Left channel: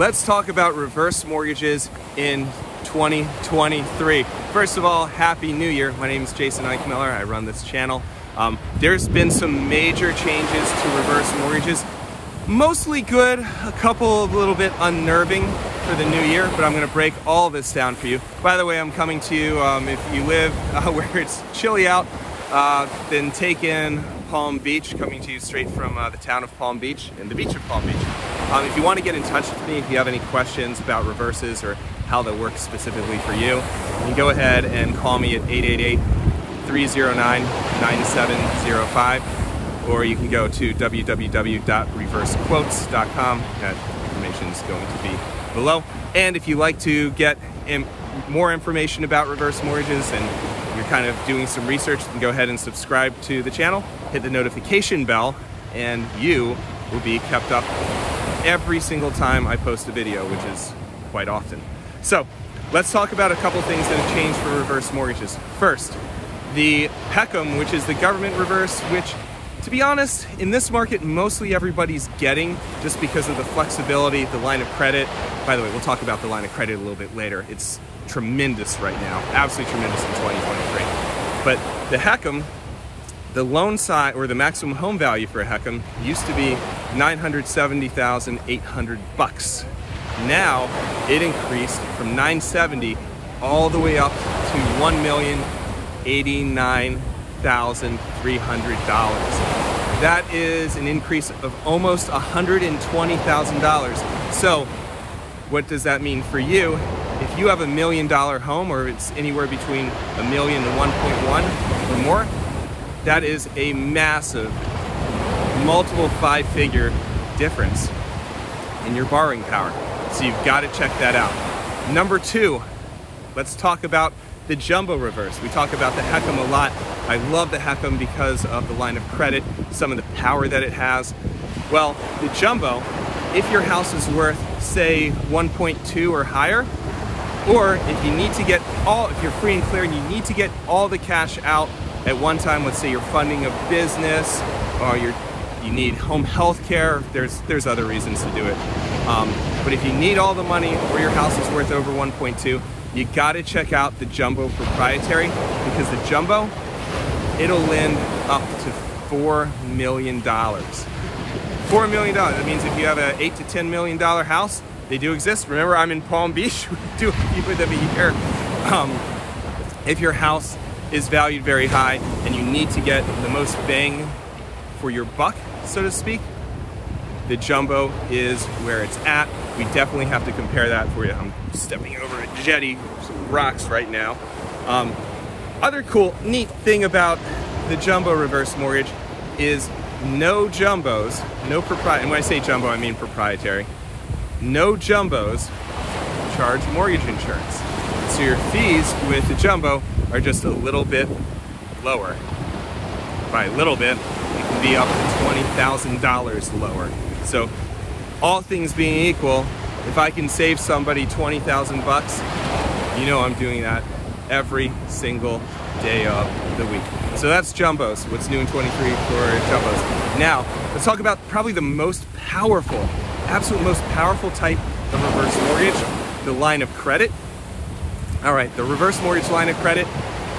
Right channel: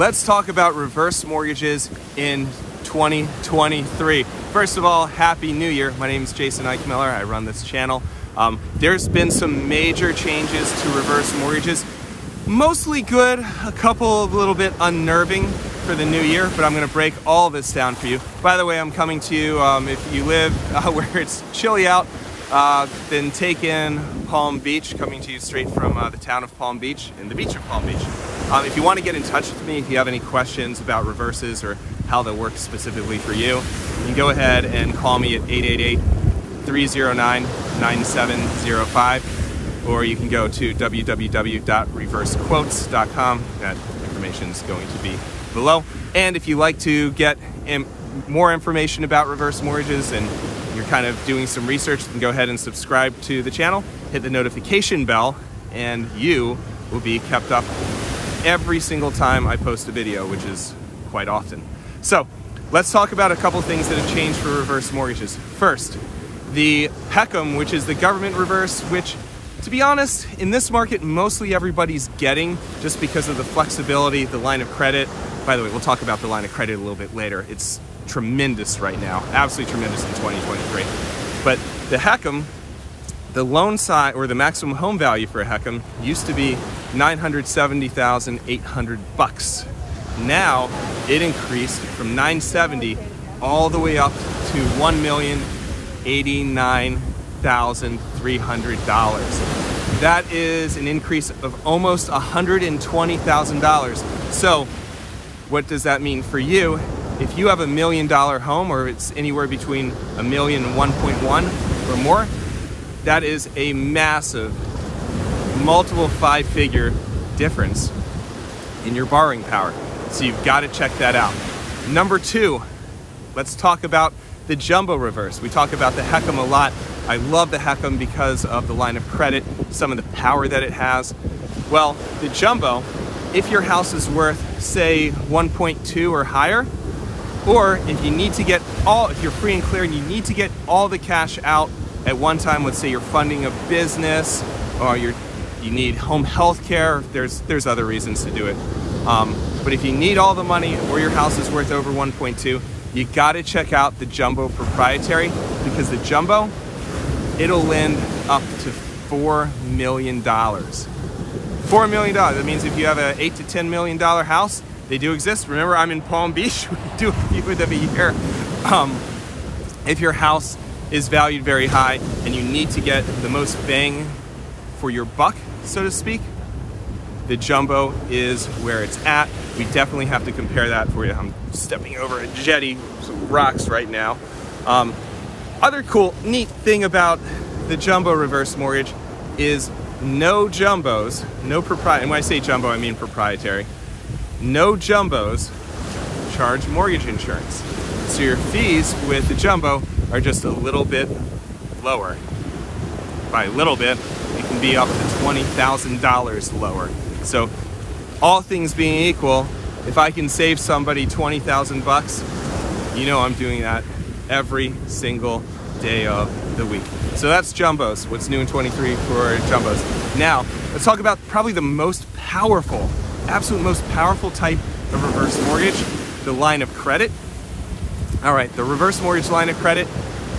Let's talk about reverse mortgages in 2023. First of all, Happy New Year. My name is Jason Eichmiller. I run this channel. There's been some major changes to reverse mortgages. Mostly good, a couple a little bit unnerving for the new year, but I'm gonna break all this down for you. By the way, I'm coming to you, if you live where it's chilly out, then take in Palm Beach, coming to you straight from the town of Palm Beach and the beach of Palm Beach. If you want to get in touch with me, if you have any questions about reverses or how they work specifically for you, you can go ahead and call me at 888-309-9705, or you can go to www.reversequotes.com. That information is going to be below. And if you like to get more information about reverse mortgages and you're kind of doing some research, you can go ahead and subscribe to the channel, hit the notification bell, and you will be kept up every single time I post a video, which is quite often. So let's talk about a couple things that have changed for reverse mortgages. First, the HECM, which is the government reverse, which, to be honest, in this market, mostly everybody's getting just because of the flexibility, the line of credit. By the way, we'll talk about the line of credit a little bit later. It's tremendous right now, absolutely tremendous in 2023. But the HECM, the loan size or the maximum home value for a HECM used to be $970,800. Now it increased from $970,000 all the way up to $1,089,300. That is an increase of almost $120,000. So what does that mean for you? If you have $1 million home, or it's anywhere between $1 million and 1.1 or more, that is a massive, multiple five-figure difference in your borrowing power. So you've got to check that out. Number two, let's talk about the jumbo reverse. We talk about the HECM a lot. I love the HECM because of the line of credit, some of the power that it has. Well, the jumbo, if your house is worth, say, 1.2 or higher, or if you need to get if you're free and clear, you need to get all the cash out at one time. Let's say you're funding a business, or you need home health care. There's other reasons to do it. But if you need all the money, or your house is worth over 1.2, you gotta check out the jumbo proprietary, because the jumbo, it'll lend up to $4 million. $4 million, that means if you have an $8 to $10 million house, they do exist. Remember, I'm in Palm Beach, we do a few of them a year. If your house is valued very high and you need to get the most bang for your buck, so to speak, the jumbo is where it's at. We definitely have to compare that for you. I'm stepping over a jetty, some rocks right now. Other cool, neat thing about the jumbo reverse mortgage is no jumbos, no proprietary, and when I say jumbo, I mean proprietary. No jumbos charge mortgage insurance. So your fees with the jumbo are just a little bit lower. By a little bit, it can be up to $20,000 lower. So all things being equal, if I can save somebody 20,000 bucks, you know I'm doing that every single day of the week. So that's jumbos, what's new in 23 for jumbos. Now, let's talk about probably the most powerful, absolute most powerful type of reverse mortgage, the line of credit. All right, the reverse mortgage line of credit,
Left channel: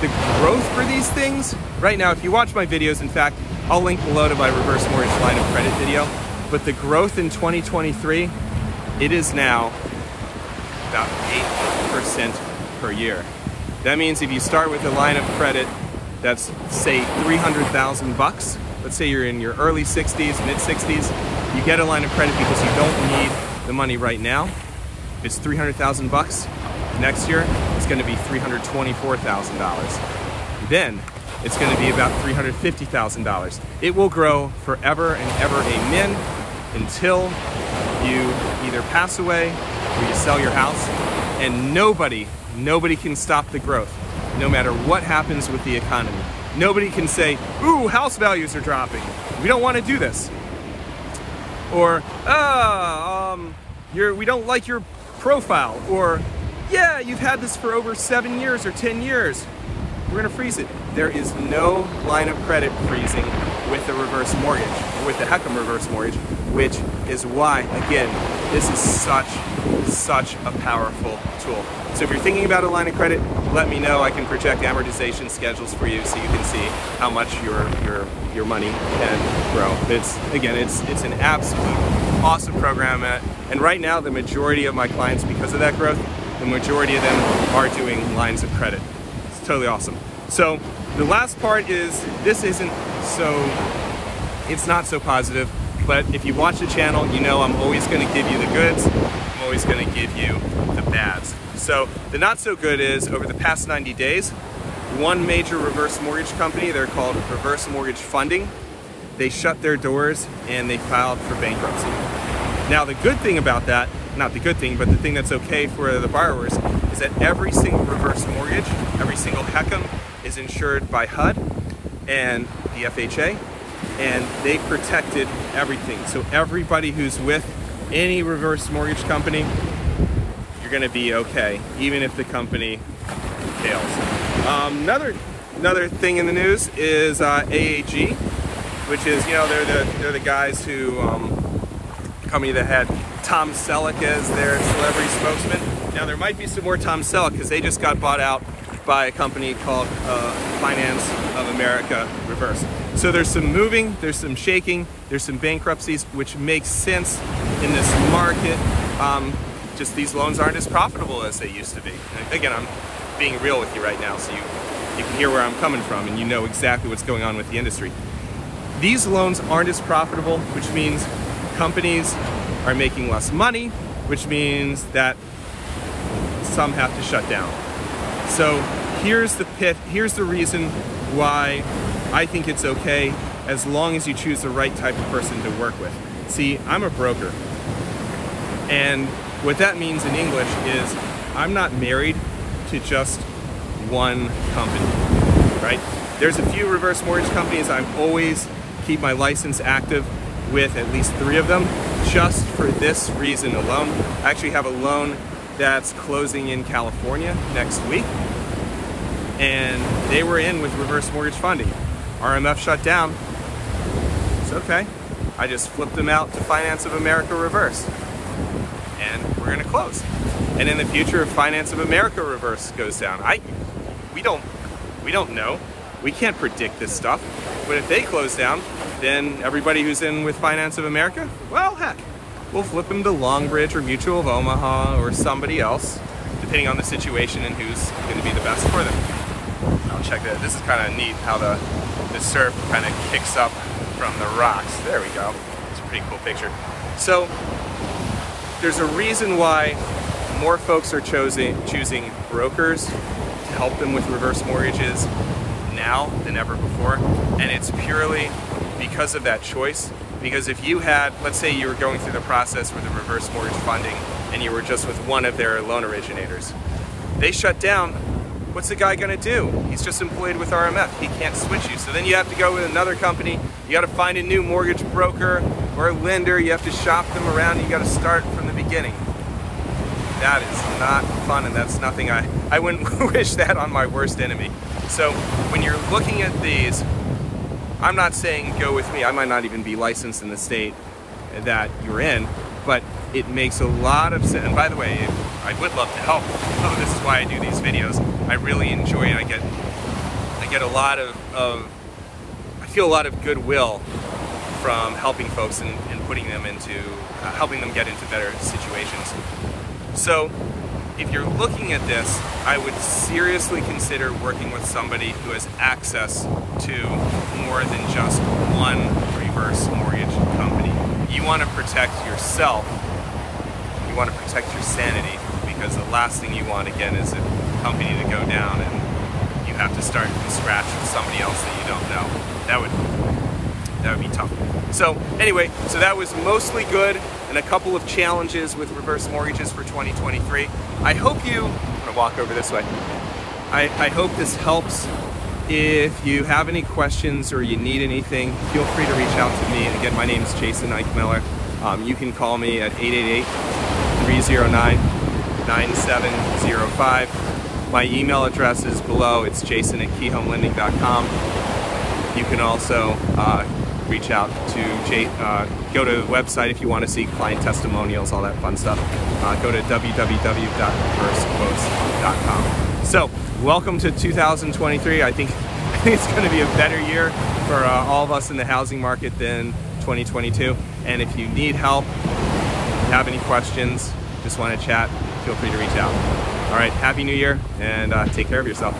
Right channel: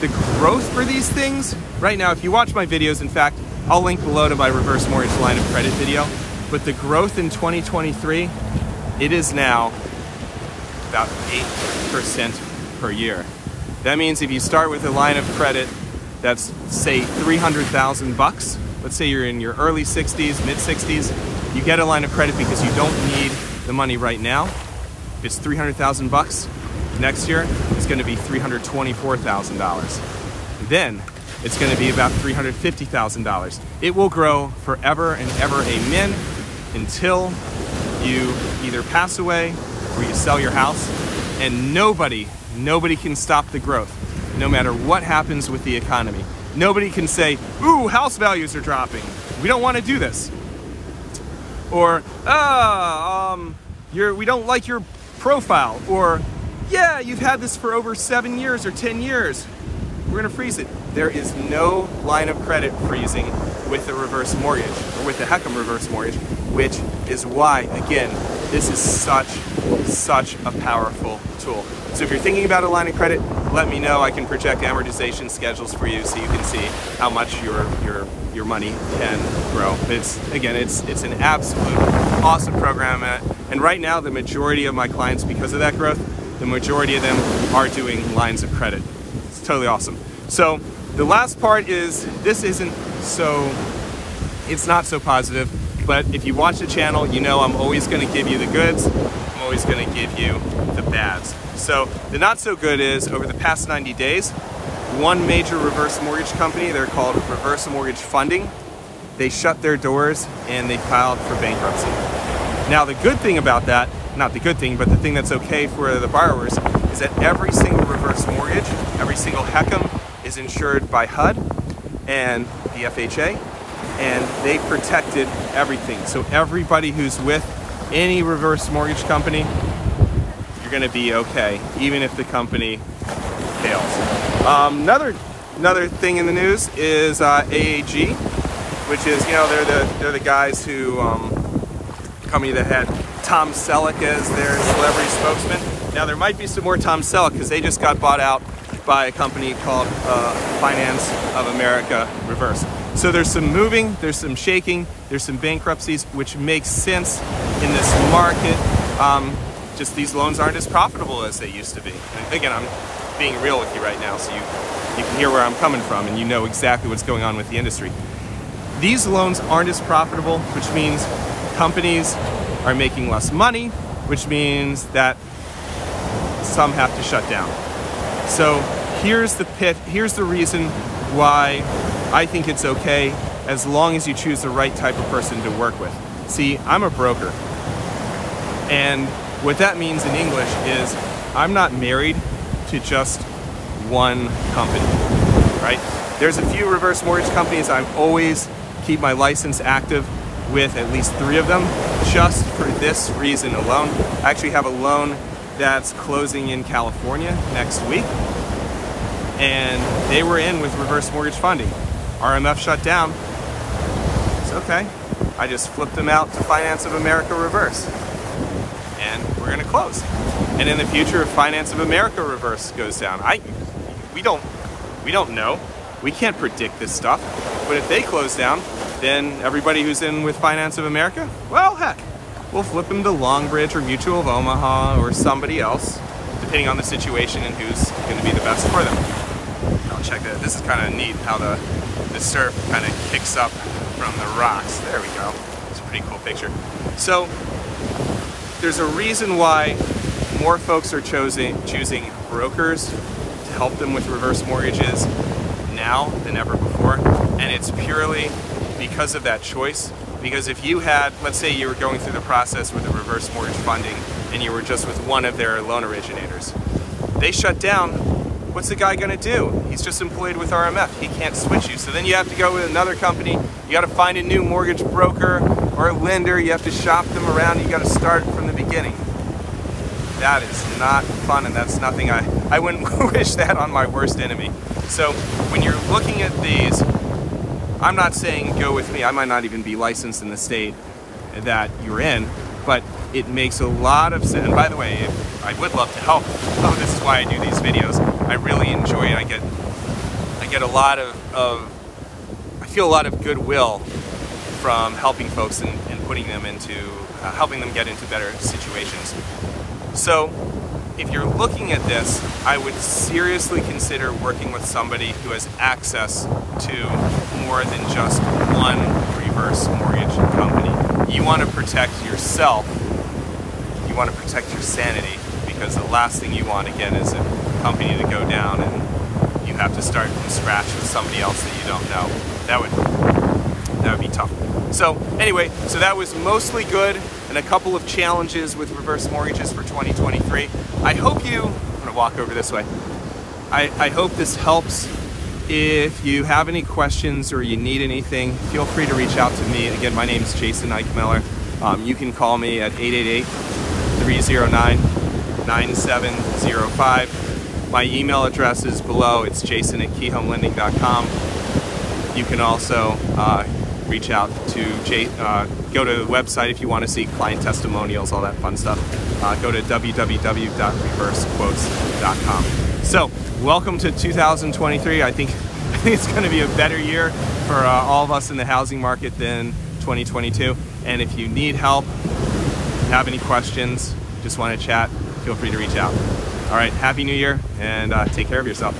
the growth for these things, right now, if you watch my videos, in fact, I'll link below to my reverse mortgage line of credit video, but the growth in 2023, it is now about 8% per year. That means if you start with a line of credit that's, say, 300,000 bucks, let's say you're in your early 60s, mid 60s, you get a line of credit because you don't need the money right now. If it's 300,000 bucks, next year, it's gonna be $324,000. Then it's gonna be about $350,000. It will grow forever and ever, amen, until you either pass away or you sell your house, and nobody can stop the growth, no matter what happens with the economy. Nobody can say, ooh, house values are dropping. We don't wanna do this. Or, we don't like your profile. Or, yeah, you've had this for over 7 years or 10 years. We're gonna freeze it. There is no line of credit freezing with the reverse mortgage, or with the HECM reverse mortgage, which is why, again, This is such a powerful tool. So if you're thinking about a line of credit, let me know. I can project amortization schedules for you so you can see how much your money can grow. It's an absolute awesome program. And right now, the majority of my clients, because of that growth, the majority of them are doing lines of credit. It's totally awesome. So the last part is, it's not so positive, but if you watch the channel, you know I'm always gonna give you the goods, I'm always gonna give you the bads. So the not so good is, over the past 90 days, one major reverse mortgage company, they're called Reverse Mortgage Funding, they shut their doors and they filed for bankruptcy. Now the good thing about that, not the good thing, but the thing that's okay for the borrowers, is that every single reverse mortgage, every single HECM is insured by HUD and the FHA, and they protected everything. So everybody who's with any reverse mortgage company, you're gonna be okay, even if the company fails. Another thing in the news is AAG, which is, they're the guys who, company that had Tom Selleck as their celebrity spokesman. Now there might be some more Tom Selleck because they just got bought out by a company called Finance of America Reverse. So there's some moving, there's some shaking, there's some bankruptcies, which makes sense in this market. Just these loans aren't as profitable as they used to be. And again, I'm being real with you right now, so you can hear where I'm coming from and you know exactly what's going on with the industry. These loans aren't as profitable, which means companies are making less money, which means that some have to shut down. So here's the reason why I think it's okay, as long as you choose the right type of person to work with. See, I'm a broker. And what that means in English is I'm not married to just one company, right? There's a few reverse mortgage companies I always keep my license active with, at least 3 of them, just for this reason alone. I actually have a loan that's closing in California next week, and they were in with reverse mortgage funding. RMF shut down. It's okay. I just flipped them out to Finance of America Reverse, and we're gonna close. And in the future, if Finance of America Reverse goes down, we don't know. We can't predict this stuff. But if they close down, then everybody who's in with Finance of America, well, heck, we'll flip them to Longbridge or Mutual of Omaha or somebody else, depending on the situation and who's going to be the best for them. I'll check that. This is kind of neat how the surf kind of kicks up from the rocks. There we go. It's a pretty cool picture. So there's a reason why more folks are choosing brokers to help them with reverse mortgages now than ever before. And it's purely because of that choice. Because if you had, let's say you were going through the process with a reverse mortgage funding and you were just with one of their loan originators, they shut down, what's the guy gonna do? He's just employed with RMF, he can't switch you. So then you have to go with another company, you gotta find a new mortgage broker or a lender, you have to shop them around, you gotta start from the beginning. That is not fun, and that's nothing, I wouldn't wish that on my worst enemy. So when you're looking at these, I'm not saying go with me. I might not even be licensed in the state that you're in, but it makes a lot of sense. And by the way, I would love to help. Oh, this is why I do these videos. I really enjoy it. I get a lot I feel a lot of goodwill from helping folks and putting them into, helping them get into better situations. So if you're looking at this, I would seriously consider working with somebody who has access to more than just one reverse mortgage company. You want to protect yourself, you want to protect your sanity, because the last thing you want, again, is a company to go down and you have to start from scratch with somebody else that you don't know. That would be tough. So anyway, so that was mostly good, and a couple of challenges with reverse mortgages for 2023. I hope I'm gonna walk over this way. I hope this helps. If you have any questions or you need anything, feel free to reach out to me. Again, my name is Jason Eichmiller. You can call me at 888-309-9705. My email address is below. It's jason@keyhomelending.com. You can also reach out to go to the website if you want to see client testimonials, all that fun stuff. Go to www.reversequotes.com. So welcome to 2023. I think it's going to be a better year for all of us in the housing market than 2022. And if you need help, if you have any questions, just want to chat, feel free to reach out. All right, Happy New Year, and take care of yourself.